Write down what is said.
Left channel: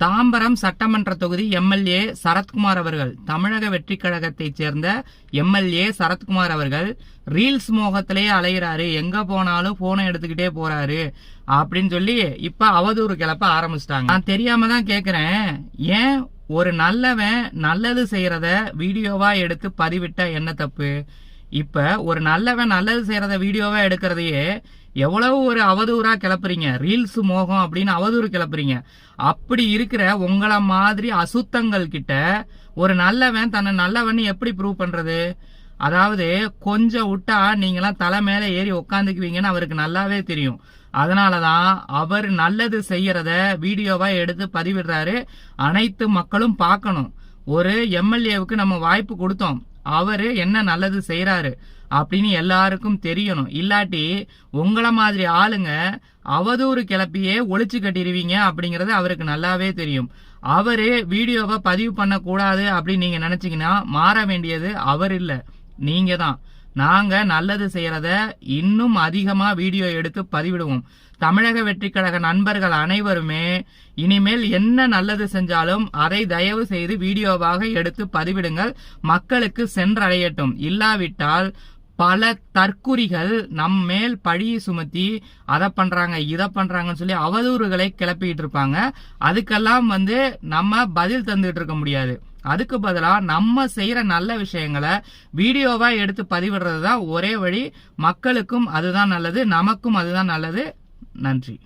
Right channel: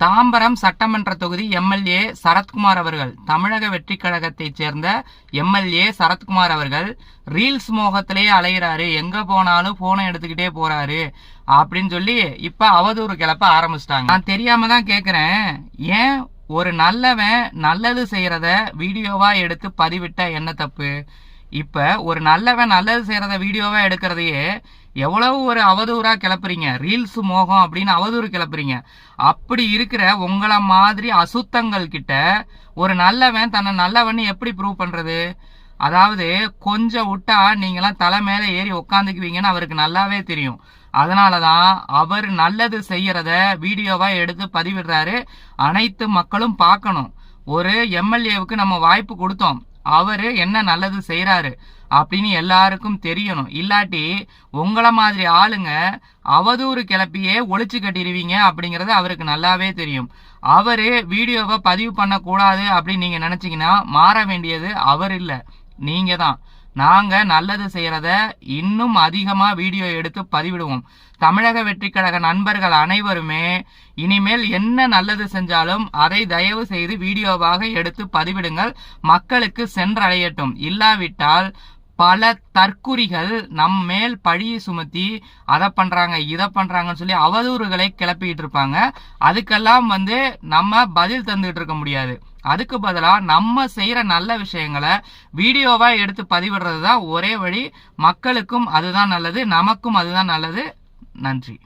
தாம்பரம் சட்டமன்ற தொகுதி எம்எல்ஏ சரத்குமார் அவர்கள், தமிழக வெற்றி கழகத்தைச் சேர்ந்த எம்எல்ஏ சரத்குமார் அவர்கள் ரீல்ஸ் மோகத்திலேயே அலையிறாரு, எங்க போனாலும் போனை எடுத்துக்கிட்டே போறாரு அப்படின்னு சொல்லி இப்ப அவதூறு கிளப்ப ஆரம்பிச்சிட்டாங்க. நான் தெரியாம தான் கேக்குறேன், ஏன் ஒரு நல்லவன் நல்லது செய்யறத வீடியோவா எடுத்து பதிவிட்டா என்ன தப்பு? இப்ப ஒரு நல்லவன் நல்லது செய்யறத வீடியோவா எடுக்கிறதையே எவ்வளவு ஒரு அவதூறா கிளப்புறீங்க, ரீல்ஸ் மோகம் அப்படின்னு அவதூறு கிளப்புறீங்க. அப்படி இருக்கிற உங்கள மாதிரி அசுத்தங்கள் கிட்ட ஒரு நல்லவன் தன்னை நல்லவன் எப்படி ப்ரூவ் பண்றது? அதாவது கொஞ்சம் விட்டா நீங்களாம் தலை மேல ஏறி உக்காந்துக்குவீங்கன்னு அவருக்கு நல்லாவே தெரியும். அதனாலதான் அவர் நல்லது செய்யறத வீடியோவா எடுத்து பதிவிடுறாரு. அனைத்து மக்களும் பார்க்கணும். ஒரு எம்எல்ஏவுக்கு நம்ம வாய்ப்பு கொடுத்தோம், அவரு என்ன நல்லது செய்யறாரு அப்படின்னு எல்லாருக்கும் தெரியணும். இல்லாட்டி உங்களை மாதிரி ஆளுங்க அவதூறு கிளப்பியே ஒளிச்சு கட்டிடுவீங்க அப்படிங்கறது அவருக்கு நல்லாவே தெரியும். அவரு வீடியோவை பதிவு பண்ண கூடாது அப்படின்னு நீங்க நினைச்சீங்கன்னா மாற வேண்டியது அவர் இல்ல, நீங்க தான். நாங்க நல்லது செய்யறத இன்னும் அதிகமா வீடியோ எடுத்து பதிவிடுவோம். தமிழக வெற்றி கழக நண்பர்கள் அனைவருமே இனிமேல் என்ன நல்லது செஞ்சாலும் அதை தயவு செய்து வீடியோவாக எடுத்து பதிவிடுங்கள், மக்களுக்கு சென்றடையட்டும். இல்லாவிட்டால் பல தற்குறிகள் நம் மேல் பழியை சுமத்தி அதை பண்றாங்க இதை பண்றாங்கன்னு சொல்லி அவதூறுகளை கிளப்பிட்டு இருப்பாங்க. அதுக்கெல்லாம் நம்ம பதில் தந்துட்டு இருக்க முடியாது. அதுக்கு பதிலா நம்ம செய்யற நல்ல விஷயங்களை வீடியோவா எடுத்து பதிவிடுறது தான் ஒரே வழி. மக்களுக்கும் அதுதான் நல்லது, நமக்கும் அதுதான் நல்லது. நன்றி.